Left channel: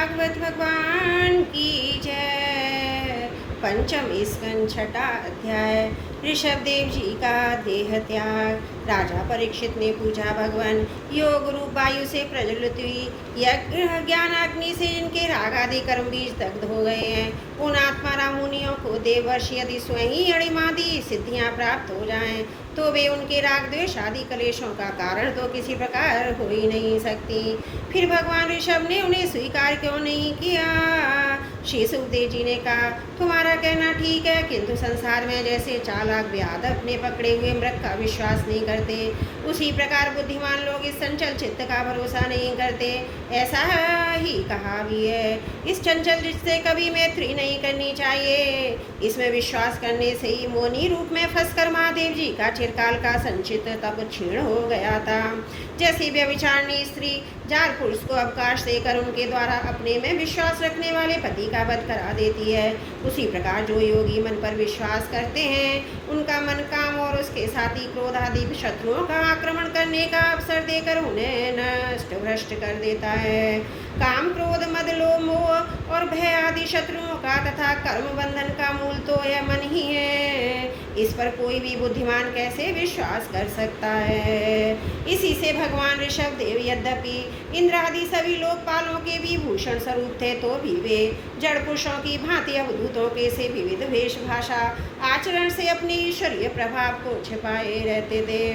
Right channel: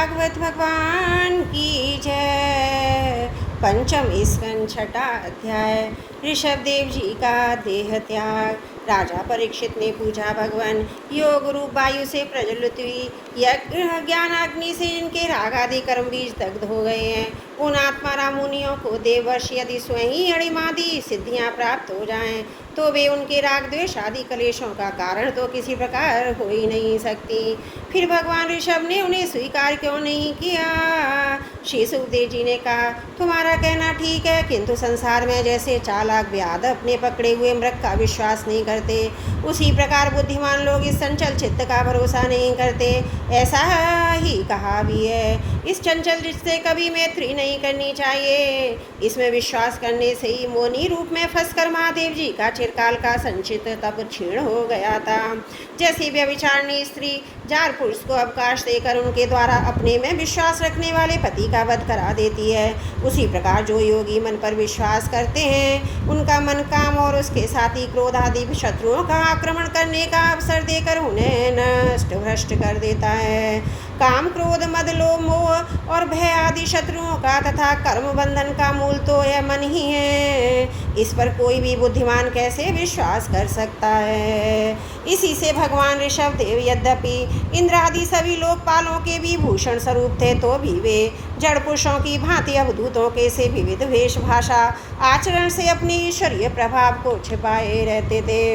भागवत भगवान की जय। पंचम स्कंद छठा अध्याय। ऋषभ देव जी का देह त्याग। राजा परीक्षित ने पूछा, भगवान योग रूप वायु से प्रज्वलित हुई यज्ञ ज्ञानाग्नि से इनके राग आदि कर्म बीज दग्ध हो गए हैं। उन आत्मा राम मुनियों को देववर्ष यदि स्वयं ही अणिमादि सिद्धियां प्राप्त हो जाएं तो वे उनके राग द्वेष आदि कलेशों का कारण तो किसी प्रकार हो ही नहीं सकती। फिर भगवान ऋषभ ने उन्हें स्वीकार क्यों नहीं किया? श्री सुखदेव जी ने कहा, तुम्हारा कहना ठीक है, किंतु संसार में जैसे चालाक व्याध अपने पकड़े हुए मृग का विश्वास नहीं करते, उसी प्रकार बुद्धिमान लोग इस चंचल चित्त का भरोसा नहीं करते। ऐसा ही कहा भी है, इस चंचल चित्त से कभी मैत्री नहीं करनी चाहिए। इसमें विश्वास करने से ही मोनी रूप में फंसकर महादेव जी का चिरकाल का संचित तप क्षीण हो गया था। जैसे व्यभिचारिणी स्त्री जार पुरुष को अवकाश देकर उनके द्वारा अपने में विश्वास रखने वाले पति का वध करा देती है, उसी प्रकार जो योगी मन पर विश्वास करते हैं उनका मन काम और उसके साथी क्रोध आदि शत्रुओं का आक्रमण करने का अवसर देकर उन्हें नष्ट भ्रष्ट कर देता है। काम क्रोध मद लोभ मोह और भय आदि शत्रुओं का तथा कर्म बंधन का मूल तो यह मन ही है। इस पर कोई भी बुद्धिमान कैसे विश्वास कर सकता है? इसी से भगवान ऋषभ देव यद्यपि इंद्र आदि सभी लोकपालों के भी भूषण स्वरूप थे तो भी वे जड़ पुरुषों की भांति अवधूतों के से विविध वेशभाषा आचरण से अपने ईश्वरीय प्रभाव को छिपाए रहते थे।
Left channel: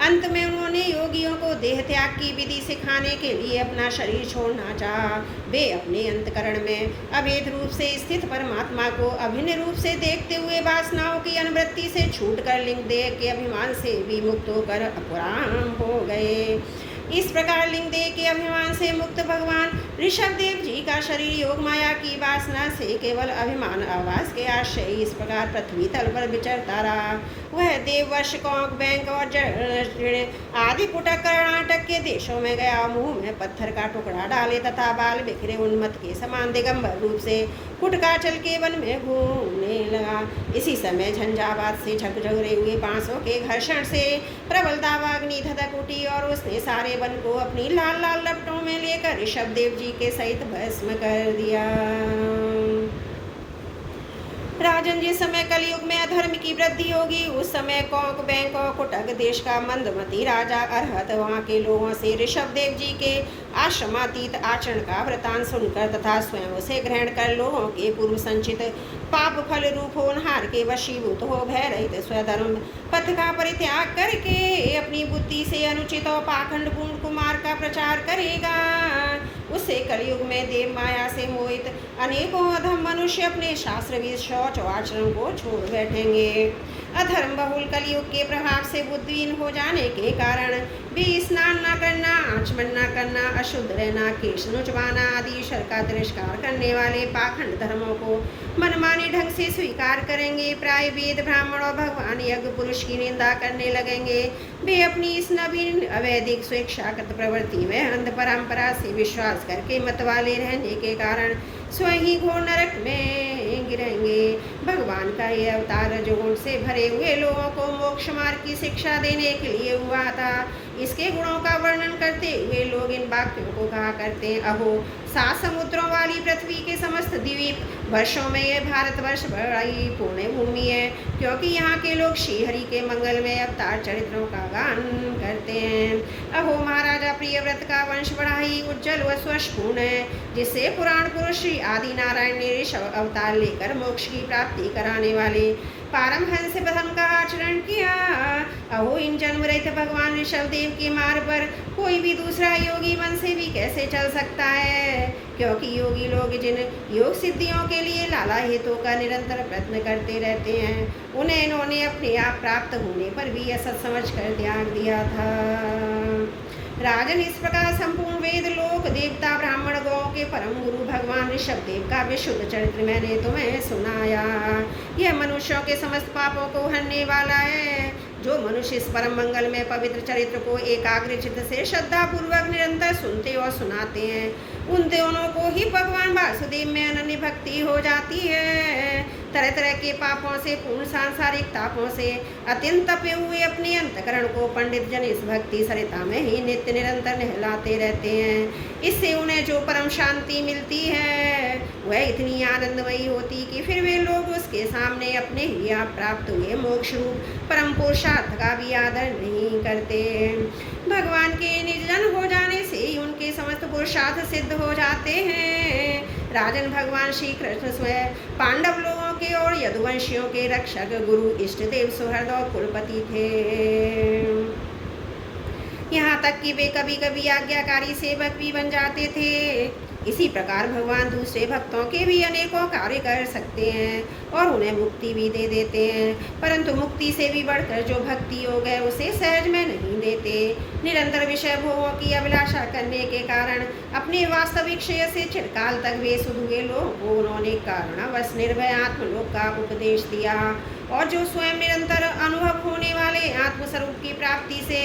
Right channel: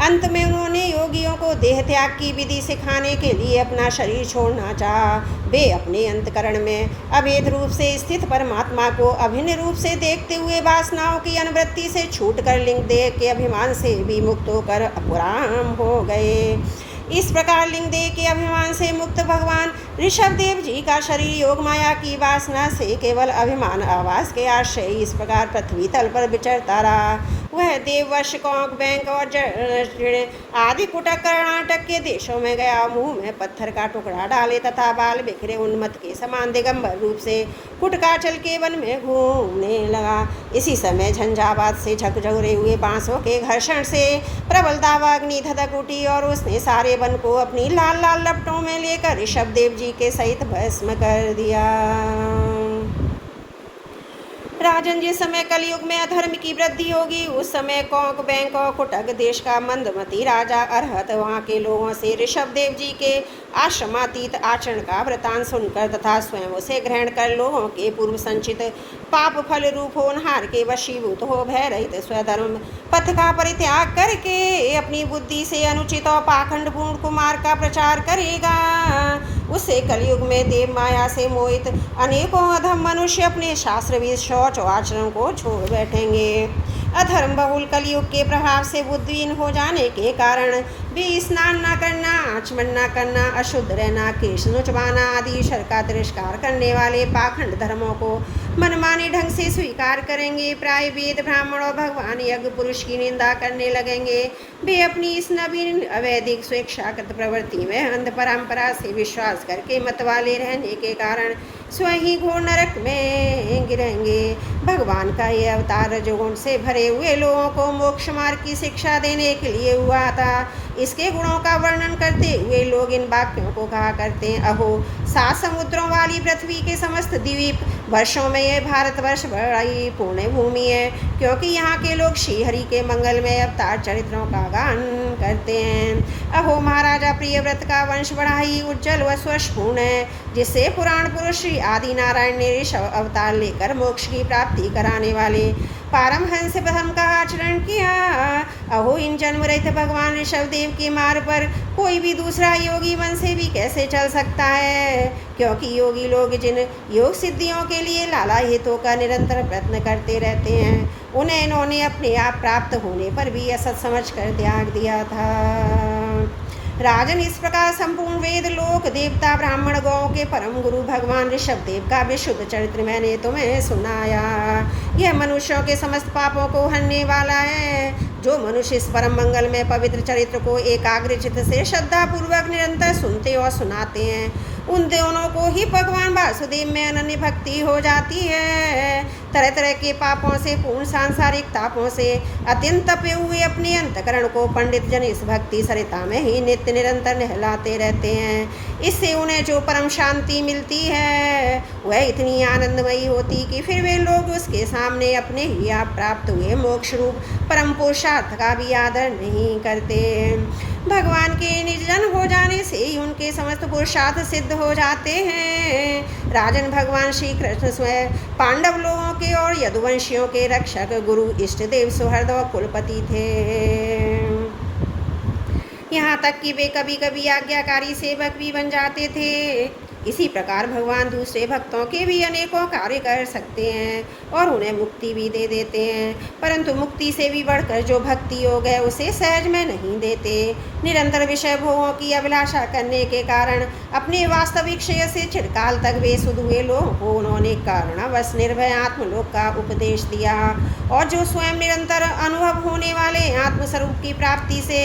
अंत में उन्होंने योगियों को देह त्याग की विधि सिखाने के लिए अपना शरीर छोड़ना चाहा। वे अपने अंतकरण में अभेद रूप से स्थित परमात्मा को अभिन्न रूप से देखते हुए वासनाओं की अनुवृत्ति से छूटकर लिंग देह के अभिमान से भी मुक्त होकर अपराम हो गए। इस प्रकार लिंग देह के अभिमान से मुक्त भगवान ऋषभ देव जी का शरीर योग माया की वासना से केवल अभिमान आवास के आश्रय इस प्रकार पृथ्वी तल पर विचरता रहा। वह देववश कौंक बैंक और आदि कुटक कर्नाटक के देशों में गया, मुंह में पत्थर का टुकड़ा डाले तथा बाल बिखरे उन्मत्त के समान दिगंबर रूप से कुटकाचल के वन में घूमने लगा। इसी समय झंझावात से झकझोरे हुए बांसों के घर्षण से प्रबल दावाग्नि धधक उठी और उसने सारे वन को अपनी लाल लाल लपटों में लेकर ऋषभ देव जी के सहित भस्म कर दिया। राजन, जिस समय कलयुग में अधर्म की वृद्धि होगी उस समय कौंक बैंक और कुटक देश का मंदमती राजा अरहत वहाँ के लोगों से ऋषभ देव जी के आश्रमातीत आचरण का वृतांत सुनकर तथा स्वयं उसे ग्रहण कर लोगों के पूर्व संचित पाप फल रूप होनहार के वशीभूत हो भय रहित स्वधर्म पथ का परित्याग करके अपनी बुद्धि से अनुचित और पाखंड पूर्ण कुमार का प्रचार करेगा। उससे कलयुग में देव माया से मोहित अनेकों अधम मनुष्य अपने शास्त्रविद शौच और आचरण को छोड़ बैठेंगे। अधर्म बहुल कलयुग के प्रभाव से बुद्धिहीन हो जाने के कारण भी स्नान न करना, आचमन न करना, अशुद्ध रहना, केश नुचवाना आदि शर का तिरस्कार करने वाले पाखंड धर्मों को मनमाने ढंग से स्वीकार करेंगे। प्राय वेद ब्राह्मण और भगवान यज्ञ पुरुष की निंदा करने लगेंगे। वे अपनी इस नवीन अवैधिक स्वेच्छाकृत प्रवृत्ति में अंध परंपरा से विश्वास करके मत वाले रहने के कारण स्वयं ही घोर नरक में गिरेंगे। भगवान का यह अवतार रजोगुण से भरे हुए लोगों को मोक्ष मार्ग की शिक्षा देने के लिए हुआ था। इसके गुणों का वर्णन करते हुए लोग इन वाक्यों को कहा करते हैं, अहो 7 समुद्रों वाली पृथ्वी के समस्त द्वीप वर्षों में यह भारतवर्ष बड़ी पुण्य भूमि है, क्योंकि यहाँ के लोग श्री हरि के मंगलमय अवतार चरित्रों का गान करते हैं। अहो महाराजा प्रियव्रत का वंश बड़ा ही उज्जवल व स्वशपूर्ण है, जिससे पुराण पुरुष श्री आदि नारायण ने ऋषभ अवतार लेकर मोक्ष की प्राप्ति कराने वाले पारमहंस धर्म का आचरण किया। अहो इन जन्म रहित भगवान ऋषभ देव के मार्ग पर कोई भी दूसरा योगी मन से भी कैसे चल सकता है? क्योंकि योगी लोग जिन योग सिद्धियों के लिए लाला हेतु का निरंतर प्रयत्न करते रहते हैं, उन्हें इन्होंने अपने आप प्राप्त होने पर भी असत समझ कर त्याग दिया था। राजन, इस प्रकार संपूर्ण वेद लोक देवता ब्राह्मण गौ के परम गुरु भगवान ऋषभ देव का विशुद्ध चरित्र मैंने तुम्हें सुनाया। यह मनुष्यों के समस्त पापों को हरने वाला है। जो मनुष्य इस परम मंगल में पवित्र चरित्र को एकाग्र चित्त से श्रद्धा पूर्वक निरंतर सुनते और सुनाते हैं, उन दोनों को ही भगवान वासुदेव में अनन्य भक्ति हो जाती है। तरह तरह के पापों से, पूर्ण सांसारिक तापों से अत्यंत तपे हुए अपने अंतकरण को पंडित जन इस भक्ति सरिता में ही नित्य निरंतर नहलाते रहते हैं। इससे उन्हें जो परम शांति मिलती है वह इतनी आनंदमयी होती कि फिर वे लोग उसके सामने अपने ही आप प्राप्त हुए मोक्ष रूप परम पुरुषार्थ का भी आदर नहीं करते। भगवान के निज जन हो जाने से ही उनके समस्त पुरुषार्थ सिद्ध हो जाते हैं। राजन, भगवान श्री कृष्ण स्वयं पांडव लोगों के और यदुवंशियों के रक्षक, गुरु, इष्ट देव, सुहृद और कुलपति थे। यहाँ तक कि वे कभी कभी आज्ञाकारी सेवक भी बन जाते थे। इसी प्रकार भगवान दूसरे भक्तों के भी अनेकों कार्य कर सकते हैं और उन्हें मुक्ति भी दे देते हैं, परंतु मुक्ति से भी बढ़कर जो भक्ति योग है उसे सहज में नहीं देते। निरंतर विषय भोगों की अभिलाषा करने के कारण अपने वास्तविक श्रेय से चिरकाल तक वे सुध हुए लोगों को उन्होंने कारणवश निर्भय आत्मलोक का उपदेश दिया, और जो स्वयं निरंतर अनुभव होने वाले आत्मस्वरूप की प्राप्ति से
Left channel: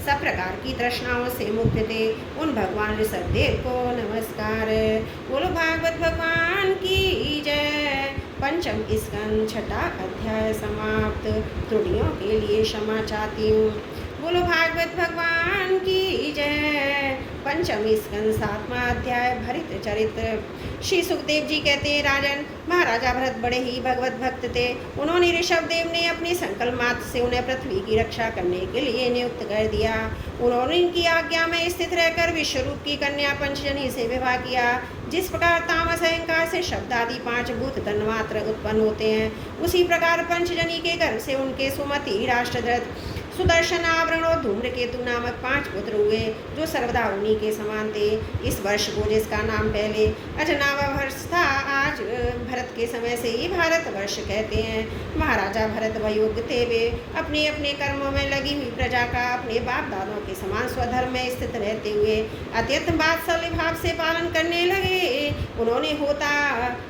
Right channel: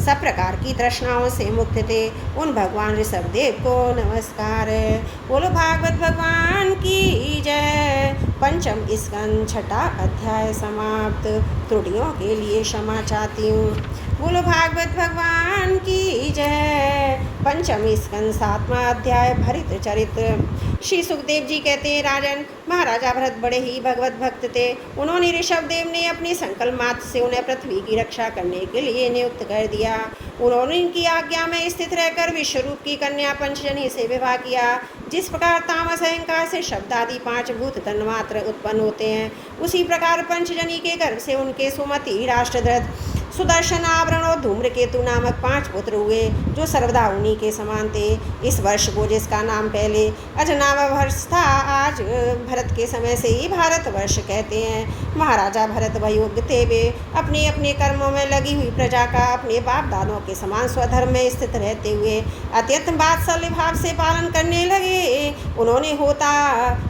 सब प्रकार की तृष्णाओं से मुक्त थे, उन भगवान ऋषभदेव को नमस्कार। बोलो भागवत भगवान की जय। पंचम स्कंद छठा अध्याय समाप्त। त्रुटियों के लिए क्षमा चाहती हूँ। बोलो भागवत भगवान की जय। पंचम स्कंद सातवां अध्याय भरत चरित्र। श्री सुखदेव जी कहते हैं, राजन, महाराजा भरत बड़े ही भगवत भक्त थे। उन्होंने ऋषभदेव ने अपनी संकल्प मात्र से उन्हें पृथ्वी की रक्षा करने के लिए नियुक्त कर दिया। उन्होंने इनकी आज्ञा में स्थित रहकर विश्वरूप की कन्या पंचजनी से विवाह किया। जिस प्रकार तामस अहंकार से शब्द आदि 5 भूत तन्मात्र उत्पन्न होते हैं, उसी प्रकार पंचजनी के गर्भ से उनके सुमति, राष्ट्रध्वज, सुदर्शन, आवरण और धूम्रकेतु नामक 5 पुत्र हुए, जो सर्वदा उन्हीं के समान थे। इस वर्ष को, जिसका नाम पहले अजनावा वर्ष था, आज भरत के समय से ही भारत वर्ष कहते हैं। महाराजा भरत वयोग्य थे। वे अपने अपने कर्मों में लगी हुई प्रजा का अपने बाप दादों के समान स्वधर्म में स्थित रहते हुए अत्यंत वात्सल्य भाव से पालन करने लगे। उन्होंने होता,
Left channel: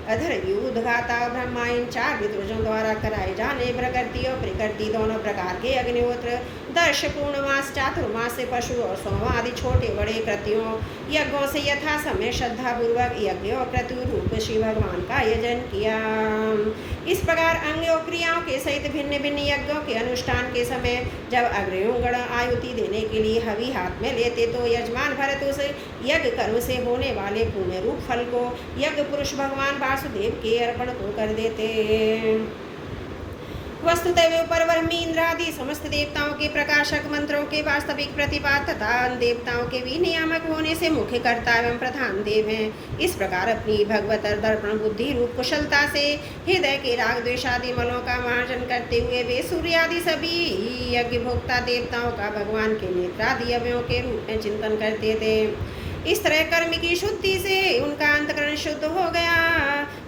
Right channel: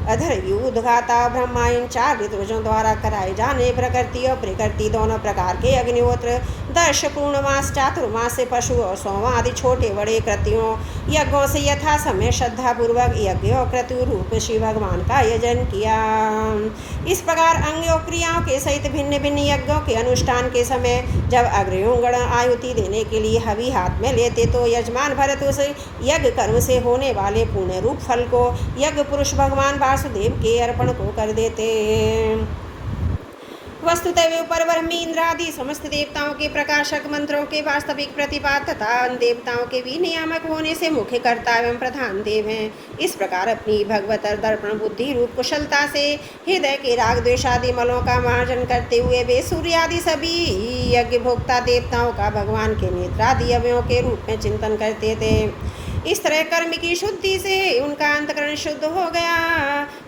अधर, उद्घाता, ब्रह्मायन, 4 ऋतुजों द्वारा कराए जाने प्रकृति और प्रकृति दोनों प्रकार के अग्निहोत्र, दर्श, पूर्णमास, चातुर्मास से पशु और सोमा आदि छोटे बड़े कृत्यों, यज्ञों से यथा समय श्रद्धा पूर्वक यज्ञ और क्रतु रूप श्री भगवान का यजन किया। इस प्रकार अंग और क्रियाओं के सहित भिन्न भिन्न यज्ञों के अनुष्ठान के समय जब अग्रयोगण आयुति देने के लिए हवि हाथ में लेते, तो यजमान भरत उस यज्ञ कर्म से होने वाले पुण्य रूप फल को यज्ञ पुरुष भगवान वासुदेव के अर्पण को कर देते। वस्तुतः वे परब्रह्म इंद्र आदि समस्त देवताओं के प्रकाशक, मंत्रों के वास्तविक प्रतिपाद तथा देवताओं के भी नियामक होने से मुख्य कर्ता एवं प्रधान देव हैं। इस प्रकार अपनी भगवत दर्पण बुद्धि रूप कुशलता से हृदय के राग द्वेष आदि मलों का मार्जन करते हुए वे सूर्य आदि सभी यज्ञ भोक्ता देवताओं का भगवान के नेत्रादि अवयों के रूप में चिंतन करते थे। इस तरह कर्म की शुद्धि से उनका अंतकरण शुद्ध हो गया।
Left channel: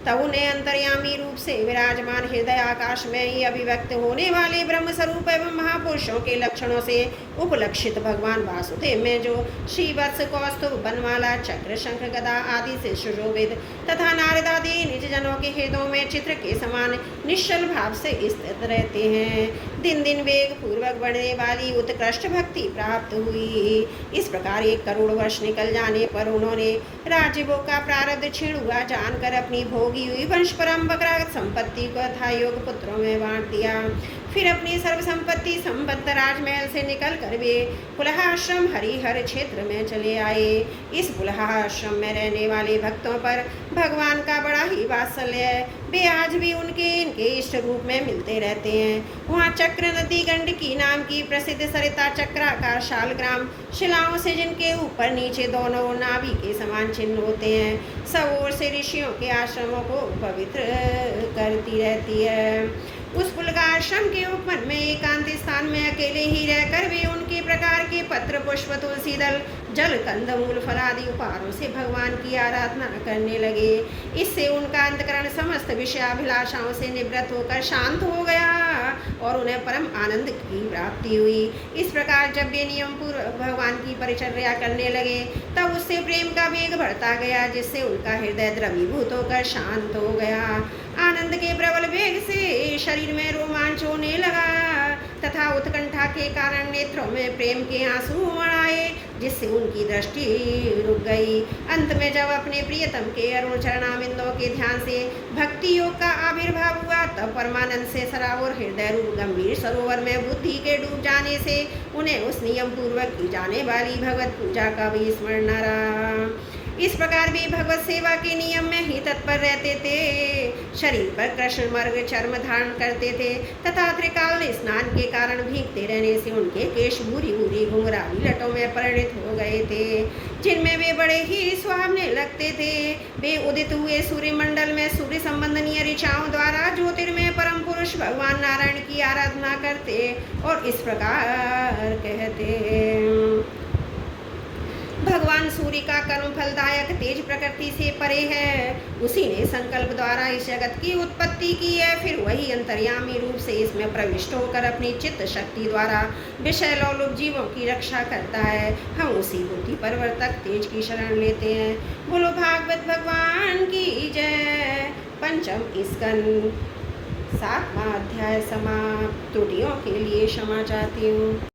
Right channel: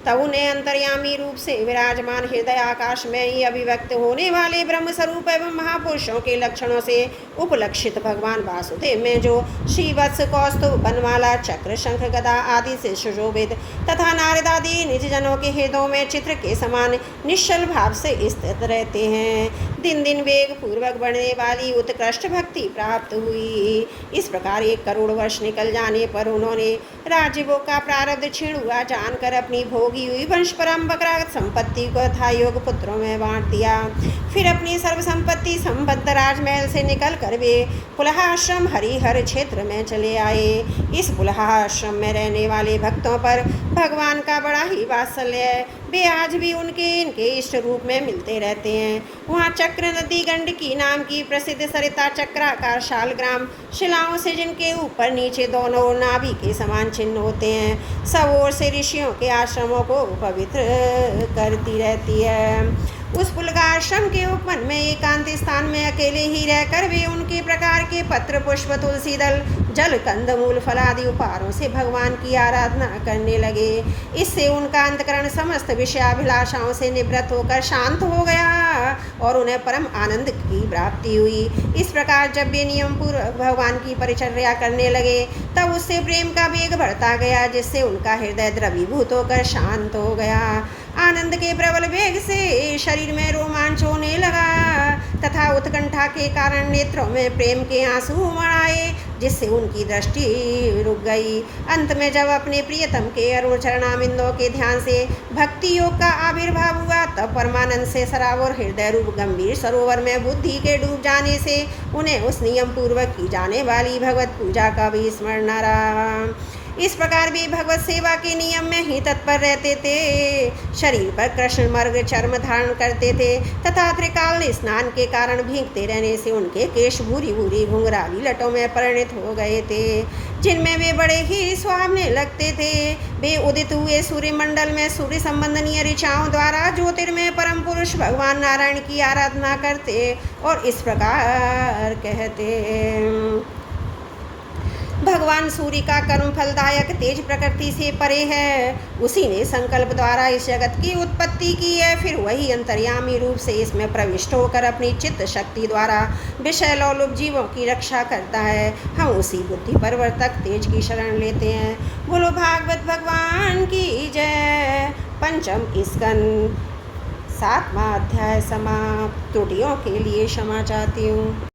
तब उन्हें अंतर्यामी रूप से विराजमान हृदय आकाश में ही अभिव्यक्त होने वाले ब्रह्म स्वरूप एवं महापुरुषों के लक्षणों से उपलक्षित भगवान वासुदेव में जो श्रीवत्स, कौस्तुभ, बनमाला, चक्र, शंख, गदा आदि से सुशोभित तथा नारद आदि निज जनों के हृदयों में चित्र के समान निश्चल भाव से स्थित रहते हैं। दिन दिन वेग पूर्वक बढ़ने वाली उत्कृष्ट भक्ति प्राप्त हुई। इस प्रकार 1 करोड़ वर्ष निकल जाने पर उन्होंने राज्यभोग का प्रारब्ध क्षीण हुआ जानकर अपनी भोगी हुई वंश परंपरा संपत्ति को था योग पुत्रों में बांट दिया। फिर अपनी सर्व संपत्ति संबद्ध राजमहल से निकल कर वे पुलहाश्रम हरिहर क्षेत्र में चले आए। इस पुलहाश्रम में रहने वाले भक्तों पर भगवान का बड़ा ही वात्सल्य है। वे आज भी इनके इष्ट रूप में मिलते रहते हैं। वहाँ चक्र नदी गंडकी नाम की प्रसिद्ध सरिता चक्राकार शालग्राम शिलाओं से, जिनके ऊपर नीचे दोनों ओर नाभि के समान चिन्ह होते हैं, सब ओर से ऋषियों के आश्रमों को पवित्र करती रहती है। उस पुलगाश्रम के उपवन में एकांत स्थान में अकेले ही रहकर वे उनके प्रकार के पत्र, पुष्प, तुलसी दल, जल, कंदमूल, फलादि उपहारों से भगवान की आराधना करने लगे। इससे उनका अंतकरण समस्त विषयाभिलाषाओं से निवृत्त होकर शांत हो गया और उन्हें परम आनंद की प्राप्ति हुई। इस प्रकार जब वे नियम पूर्वक भगवान की परिचर्या करने लगे, तब उससे प्रेम का वेग बढ़ता गया, जिससे उनका हृदय द्रवीभूत होकर शांत हो गया। आनंद के प्रबल वेग से शरीर में रोमांच होने लगा। तथा उत्कंठा के कारण नेत्रों में प्रेम के आंसू उमड़ आए, जिससे उनकी दृष्टि रुक गई। अंत में जब अपने प्रियतम के अरुण चरणामिंदों के ध्यान से भक्ति योग का आविर्भाव हुआ, तब परमानंद से सरावर हृदय रूप गंभीर सरोवर में बुद्धि के डूब जाने से उन्हें उस नियम पूर्वक की जाने वाली भगवत पूजा का भी स्मरण न रहा। इस प्रकार भी भगवत सेवा के नियम में ही तत्पर रहते थे। शरीर पर कृष्ण मर्ग चर्म धारण करते थे तथा त्रिकाल स्नान के कारण भीगते रहने से उनके केश भूरी भूरी घुंघराली लटों में परिणत हो गए थे, जिनमें वे बड़े ही सुहावने लगते थे। वे उदित हुए सूर्य मंडल में सूर्य संबंधनीय ऋचाओं द्वारा ज्योतिर्मय परम पुरुष भगवान नारायण की आराधना करते और इस प्रकार कहते। भगवान सूर्य का कर्म फलदायक तेज प्रकृति से परे है। उसी ने संकल्प द्वारा इस जगत की उत्पत्ति की है, फिर वही अंतर्यामी रूप से इसमें प्रविष्ट होकर अपनी चित्त शक्ति द्वारा विषय लोलुप जीवों की रक्षा करता है। हम उसी बुद्धि परवर्तक तेज की शरण लेते हैं। बोलो भागवत भगवान की जय। पंचम स्कंद 7वां अध्याय समाप्त। त्रुटियों के लिए क्षमा चाहती हूँ।